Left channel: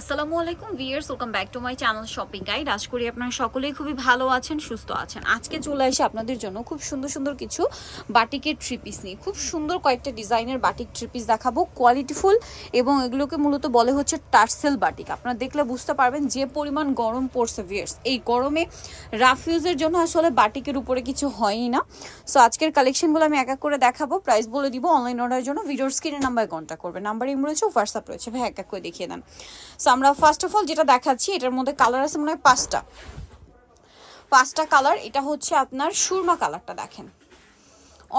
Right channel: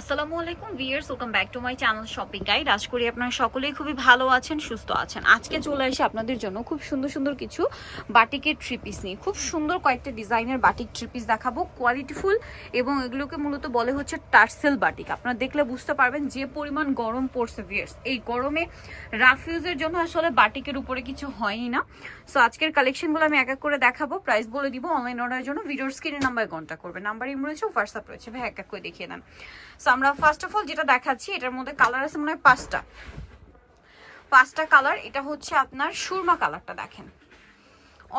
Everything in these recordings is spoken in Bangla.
আসসালামু আলাইকুম viewers, welcome back to my channel shopping guide. আশা করি আপনারা সকলেই খুবই ভালো আছেন, সুস্থ আছেন। আজকে চলে আসে আপনাদের জন্য খুব সুন্দর সুন্দর কিছু বাটিকের থ্রি পিস নিয়ে। খুব সুন্দর কয়েকটা ডিজাইনের বাটিক থ্রি পিস দেখাবো, কোয়ালিটিফুল, এবং এগুলোকে মূলত বলে হচ্ছে টার্সেল বাটিক। আপনারা দেখলে বুঝতে পারবেন যে পরিমাণ গরম পড়ছে ভিউয়ার্স। এই গরমে রাফ ইউজের জন্য আসলে বাটিকের উপরে কিছু হয়ই না। সো আজকের কালেকশনগুলো আমি এক এক করে দেখাবো, প্রাইস বলে দিব। অনলাইন অর্ডারের জন্য ভিডিওর স্ক্রিনের নাম্বারে কন্ট্যাক্ট করবে। নাম্বার ইম রয়েছে, হোয়াটসঅ্যাপ রয়েছে। ভাই এক এক করে দেখিয়ে দেন। সো আমরা ফার্স্ট অফ অল যেটা দেখাচ্ছি, এটার মধ্যে কালার আছে মনে হয় পাঁচটা কালার। এটা হচ্ছে আপনার সুরমা কালারটা, দেখেন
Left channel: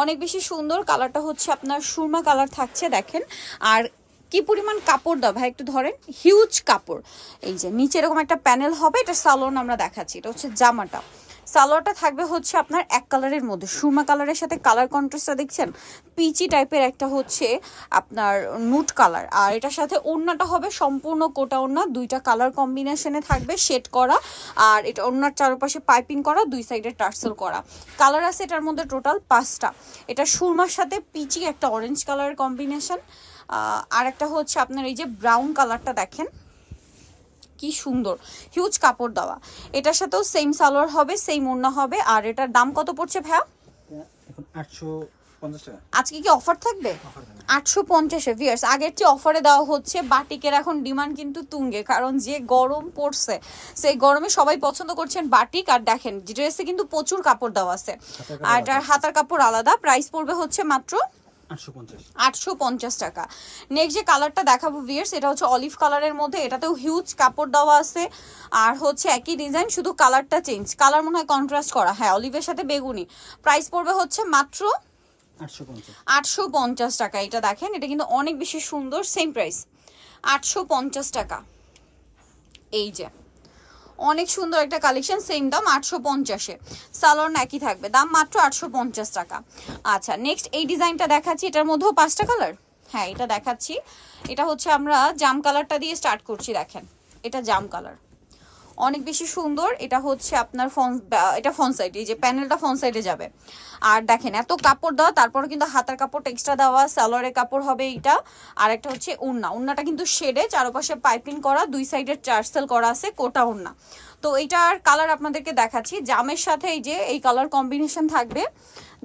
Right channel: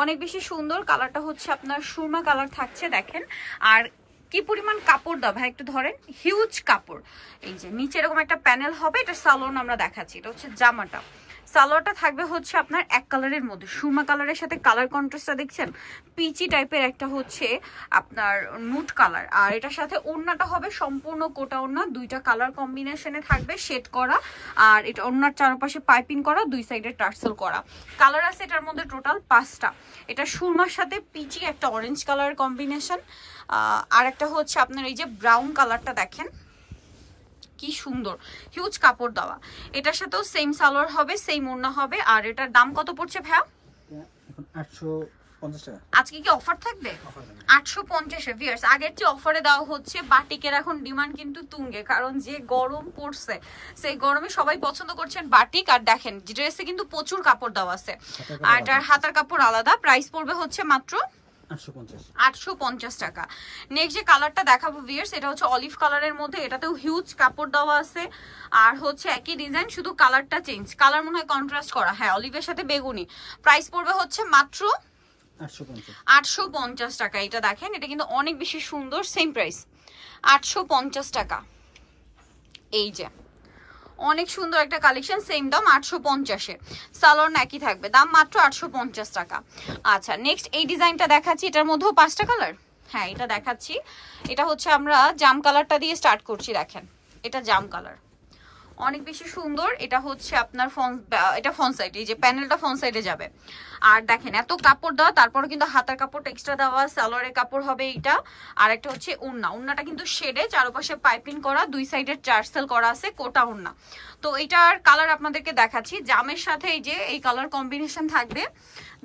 অনেক বেশি সুন্দর কালারটা, হচ্ছে আপনার সুরমা কালার থাকছে। দেখেন আর কি পরিমাণ কাপড় দাও ভাই, একটু ধরেন, হিউজ কাপড়। এই যে নিচে এরকম একটা প্যানেল হবে, এটা সালোয়ার আমরা দেখাচ্ছি। এটা হচ্ছে জামাটা, সালোয়ারটা থাকবে হচ্ছে আপনার এক কালারের মধ্যে, সুরমা কালারের সাথে কালার কন্ট্রাস্টটা দেখছেন, পিচি টাইপের একটা হচ্ছে আপনার নুট কালার। আর এটার সাথে ওড়নাটা হবে সম্পূর্ণ কোটা ওড়না, দুইটা কালার কম্বিনেশনে থাকবে, শেড করা। আর এটা ওড়নার চারপাশে পাইপিং করা, দুই সাইডে টার্সেল করা। কালার আছে এটার মধ্যে টোটাল 5টা। এটা সুরমার সাথে পিচি একটা অরেঞ্জ কালারের কম্বিনেশন। আর একটা হচ্ছে আপনার এই যে ব্রাউন কালারটা, দেখেন কি সুন্দর, হিউজ কাপড় দেওয়া। এটার সাথেও সেম সালোয়ার হবে, সেম ওড়না হবে। আর এটার দাম কত পড়ছে ভাইয়া? 850 টাকা। আজকে কি অফার থাকবে? 850 ভিউয়ার্স। আগের চেয়ে অফারে দেওয়া হচ্ছে। বাটিকের এখন ডিমান্ড কিন্তু তুঙ্গে, কারণ যে গরম পড়ছে সেই গরমে সবাই পছন্দ করছেন বাটিক। আর দেখেন ড্রেসে কিন্তু প্রচুর কাপড় দেওয়া আছে, আর এটার হাতার কাপড় আলাদা। প্রাইস পড়বে হচ্ছে মাত্র 850 টাকা। নেক্সট যে কালারটা দেখাবো ভিউয়ার্স, এটা হচ্ছে অলিভ কালারের মধ্যে, এটাতেও হিউজ কাপড় দেওয়া আছে। আর হচ্ছে একই ডিজাইন, শুধু কালারটা চেঞ্জ। কালার মনে হয় কন্ট্রাস্ট করা, হ্যাঁ, অলিভের সাথে বেগুনি। প্রাইস পড়বে হচ্ছে মাত্র 850 টাকা। এটা দেখেন, এটা কিন্তু অনেক বেশি সুন্দর, সেম প্রাইস 850 টাকা। এই যে অনেক সুন্দর একটা কালেকশন, সেম দাম 850-এ। সালোয়ার একই থাকবে, দাম মাত্র 850 টাকা। আচ্ছা নেক্সট এই ডিজাইনটা দেখাচ্ছি, এটার মধ্যেও 5টা কালার, হ্যাঁ এটা দেখাচ্ছি। এটা হচ্ছে আমরা জাম কালারটা দিয়ে স্টার্ট করছি। দেখেন এটা জাম কালার, অনেক বেশি সুন্দর। এটা হচ্ছে আপনার এটা ফ্রন্ট সাইড, এই যে প্যানেলটা ফ্রন্ট সাইডে যাবে। আর দেখেন এত কাপড় দেওয়া, তারপরে কিন্তু হাতার কাপড় এক্সট্রা দেওয়া, সালোয়ারের কাপড় হবে এইটা। আর একটা হচ্ছে ওড়নাটা কিন্তু শেডে, চারপাশে পাইপিং করা, দুই সাইডে টার্সেল করা আছে, কোটা ওড়না। তো এইটার কালার আপনাদেরকে দেখাচ্ছি। জামের সাথে এই যে এই কালার কম্বিনেশন থাকবে।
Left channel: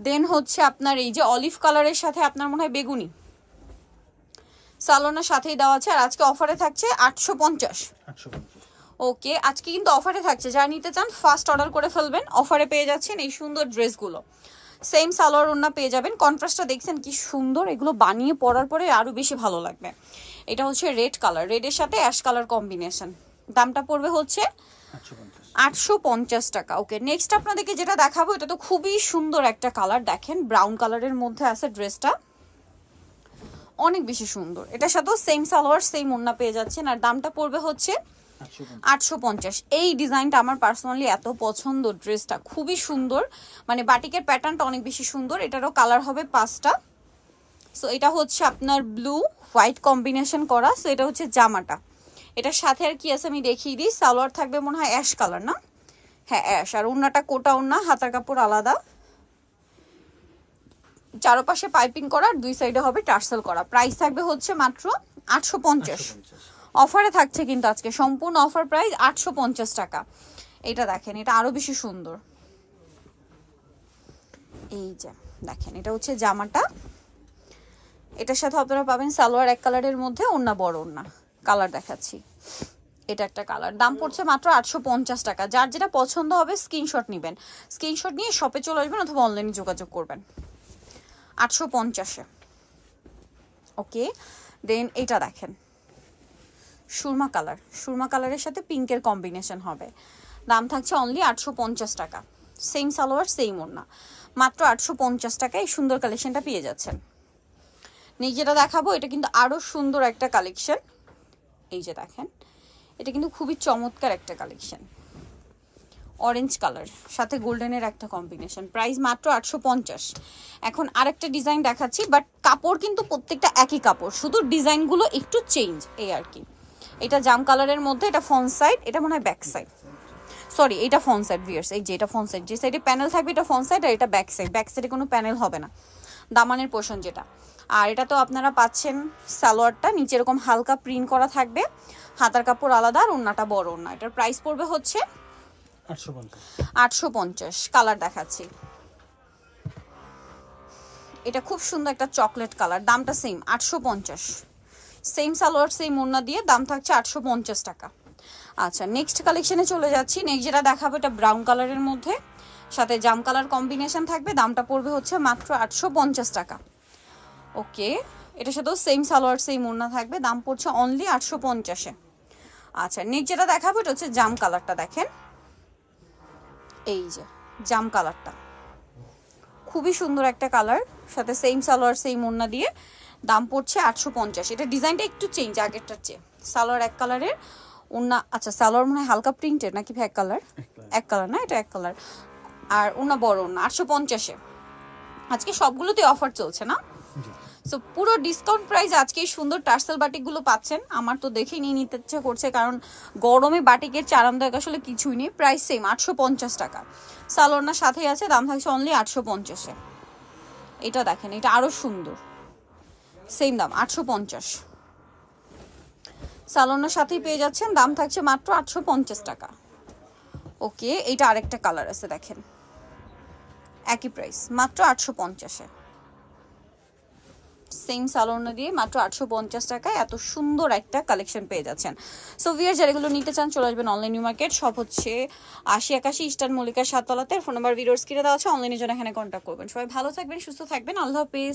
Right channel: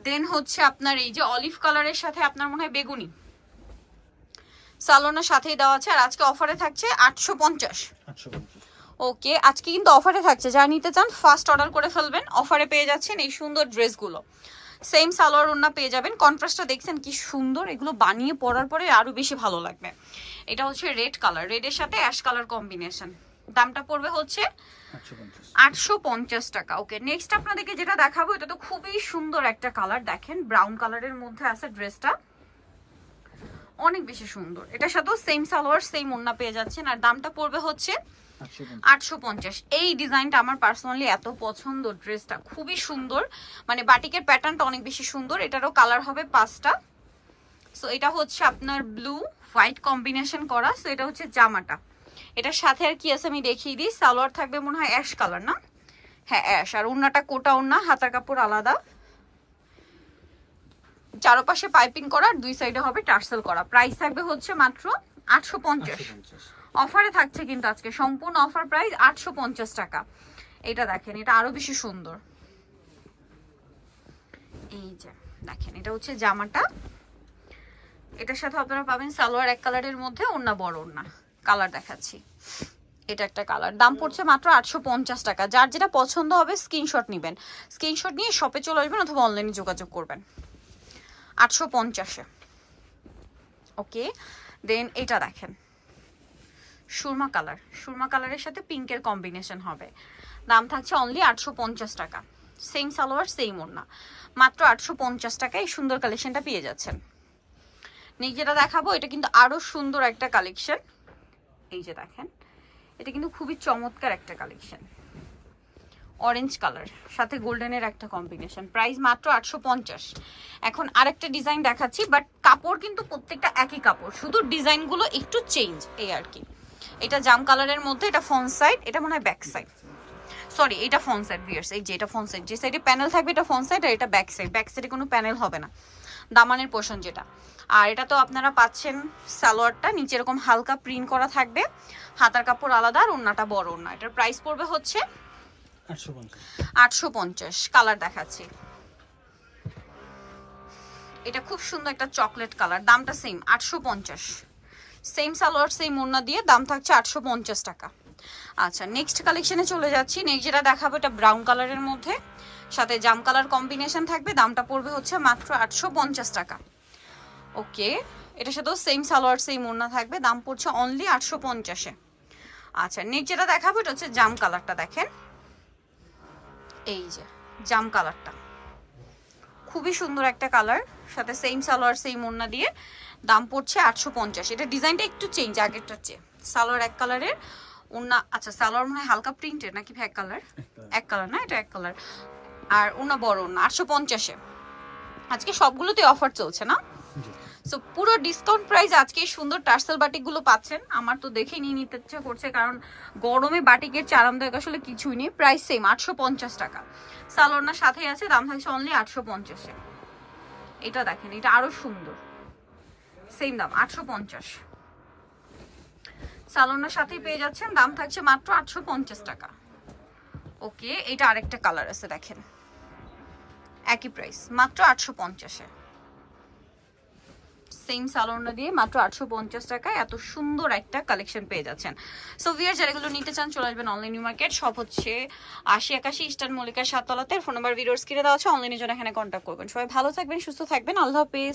দেন হচ্ছে আপনার এই যে অলিভ কালারের সাথে আপনার মনে হয় বেগুনি, সালোয়ারের সাথেই দেওয়া আছে। আর আজকে অফারে থাকছে 850। ওকে, আজকে কিন্তু অফারে থাকছে, যা নিতে চান ফার্স্ট অর্ডার করে ফেলবেন। অফারে পেয়ে যাচ্ছেন এই সুন্দর ড্রেসগুলো, সেম সালোয়ার ওড়না পেয়ে যাবেন। কন্ট্রাস্টটা দেখছেন কি সুন্দর, এগুলো বানিয়ে পরার পরে আরো বেশি ভালো লাগবে। এটা হচ্ছে রেড কালার, রেডের সাথে অ্যাশ কালার কম্বিনেশন। দামটা পড়বে হচ্ছে 850 টাকা। ওকে, নেক্সট আপনাদেরকে যেটা দেখাবো, এটা তো খুবই সুন্দর একটা কালার। দেখেন ব্রাউন কালারের মধ্যে আছে ড্রেসটা, অনেক বেশি সুন্দর। এটার সাথেও সেম সালোয়ার, সেম ওড়না পেয়ে যাচ্ছেন। আর দামটা পড়বে হচ্ছে 850। এই ডিজাইনটা আমার পার্সোনালি এত পছন্দ, ড্রেসটা খুবই সুন্দর, মানে বাটিকের প্যাটার্নটা অনেক বেশি সুন্দর। এটারও কালার হবে 5টা। সো এটা হচ্ছে আপনার ব্লু হোয়াইট কম্বিনেশন করা। সো এটা হচ্ছে জামাটা, এটার সাথে আর কি আছে আমি দেখিয়ে দিই। সালোয়ার থাকবে মনে হয় অ্যাশ কালার, না? হ্যাঁ অ্যাশ। আর ওড়নাটা কোটা ওড়না, হাতার কাপড় আলাদা, চারপাশে পাইপিং করা, দুই সাইডে হবে টার্সেল করা। প্রাইস থাকবে হচ্ছে মাত্র 850। অফারে থাকছে কিন্তু আজকে সম্পূর্ণ অফার প্রাইস 850 টাকা। এটা দেখেন, এটা আরো বেশি সুন্দর। এই যে দেখেন, এটা হচ্ছে জামাটা, এটার সাথে আপনারা পাবেন সালোয়ার এক কালারের মধ্যে, ওড়না বড় ওড়না। কালার দেখাচ্ছি, এটা একটা কালার। দাম পড়ছে মাত্র 850 টাকা। যার যেটা পছন্দ হবে স্ক্রিনশট নেবেন, স্ক্রিনশট নিয়ে শপে চলে আসবেন অথবা অনলাইনে যোগাযোগ করবেন। 850-এ। ওকে, দেন এটা দেখেন সুরমা কালার, সুরমা কালারের সাথে পিঙ্কের কম্বিনেশন হবে। দাম থাকছে অনলি 850 টাকা। সেম সালোয়ার, সেম ওড়না, মাত্র 850 টাকায় এই সুন্দর কালেকশনটা পেয়ে যাচ্ছেন। নেক্সট যেটা দেখাবো, এটা কিন্তু আরো সুন্দর একটা কালেকশন। এই যে দেখেন, এটা কিন্তু খুবই চমৎকার একটা কালেকশন, অরেঞ্জ কালার সাথে গোল্ডেনের একটা কম্বিনেশন। প্রাইস মাত্র 850। এখন আরেকটা ডিজাইন দেখাচ্ছি, বাট কাপড় কিন্তু প্রত্যেকটা একই কাপড়, শুধু ডিজাইনগুলো একটু চেঞ্জ, এই আর কি। এটা জাম কালারের মধ্যে, এটা ফ্রন্ট সাইড, এটা মনে হয় ব্যাক সাইড, সরি এটা ফ্রন্ট সাইড ভিউয়ার্স। এই যে এটা ফ্রন্ট সাইড, যে সাইডে প্যানেল থাকবে এটা ফ্রন্ট সাইড, আর এটা ব্যাক সাইড। ব্যাক সাইডে কোনো প্যানেল হবে না। দামানের পোর্শন যেটা। আর এটা তো আপনারা পাচ্ছেন সালোয়ারটা নিচে এরকম হালকা প্রিন্ট করা থাকবে, হাতার কাপড় আলাদা, আর ওড়নাটা বড় ওড়না। এটার প্রাইস পড়বে হচ্ছে 850। কালার দেখাচ্ছি, এটা খুব সুন্দর একটা চকলেট কালার, দামটা সেম 850। সেম সালোয়ার সেম ওড়না দিয়ে দাম থাকছে 850 টাকা। আচ্ছা নেক্সট কালেকশনে চলে যাচ্ছি। নেক্সট যেটা দেখাবো এটা ব্রাউন কালারের মধ্যে সাথে জাম কালার কম্বিনেশন থাকবে, দামটা পড়বে হচ্ছে মাত্র 850 টাকা। ওকে, এটার সাথেও সেম সালোয়ার সেম ওড়না থাকবে, দাম পড়ছে অনলি 850-এ। আচ্ছা নেক্সট যেটা দেখাবো এটা হচ্ছে জাম কালারটা, দেখেন এই যে জাম কালারটা খুবই সুন্দর একটা কালার, সাথে সেম সালোয়ার সেম ওড়না দিয়ে দাম পড়ছে 850। এটা ডিজাইনটা একটু চেঞ্জ আগেরটার চেয়ে, সালোয়ার এক কালারের ওড়না। আচ্ছা সালোয়ার মনে হয় হালকা প্রিন্টেড নাকি এক কালার? এক কালার না, এটা এক কালার, আর ওড়না বড় ওড়না 850-এ। আজকে সবগুলোতে অফার চলছে না, সো পুরো ডিসকাউন্ট প্রাইস আজকে এই সুন্দর টার্সেল বাটিকগুলো পাচ্ছেন। আমার তো দেখে নিয়ে নিতে ইচ্ছে করছে, কারণ গরমে বাটিকের আরামদায়ক আসলে কিছুই নেই। প্রাইস সেম 850 টাকা, সালোয়ারনার সাথেই আছে, দাম থাকছে অনলি 850-এ। এটা দেখেন, এটা আরো সুন্দর, সেম দাম 850, সালোয়ারনার সাথেই পেয়ে যাচ্ছেন, দাম থাকছে মাত্র 850 টাকা। ওকে, এটা আরেকটা কালার আছে, দেখেন একই প্রাইস মাত্র 850-এ, সেম সালোয়ারনা দিয়ে মাত্র 850 টাকায় এত সুন্দর একটা কালেকশন পেয়ে যাচ্ছেন। সো ভিউয়ার যারা এগুলো নিতে চান চলে আসবেন অনলাইন নিউ মার্কেট, সব হচ্ছে 8081 ইস্টার্ন মল্লিকার 7 তলাতে। ফোন নাম্বার ভিডিওর স্ক্রিনে দেওয়া আছে, অনলাইনের জন্য এখানে কন্ট্যাক্ট করবেন। সবাই ভালো থাকবেন, সুস্থ থাকবেন, আল্লাহ হাফেজ।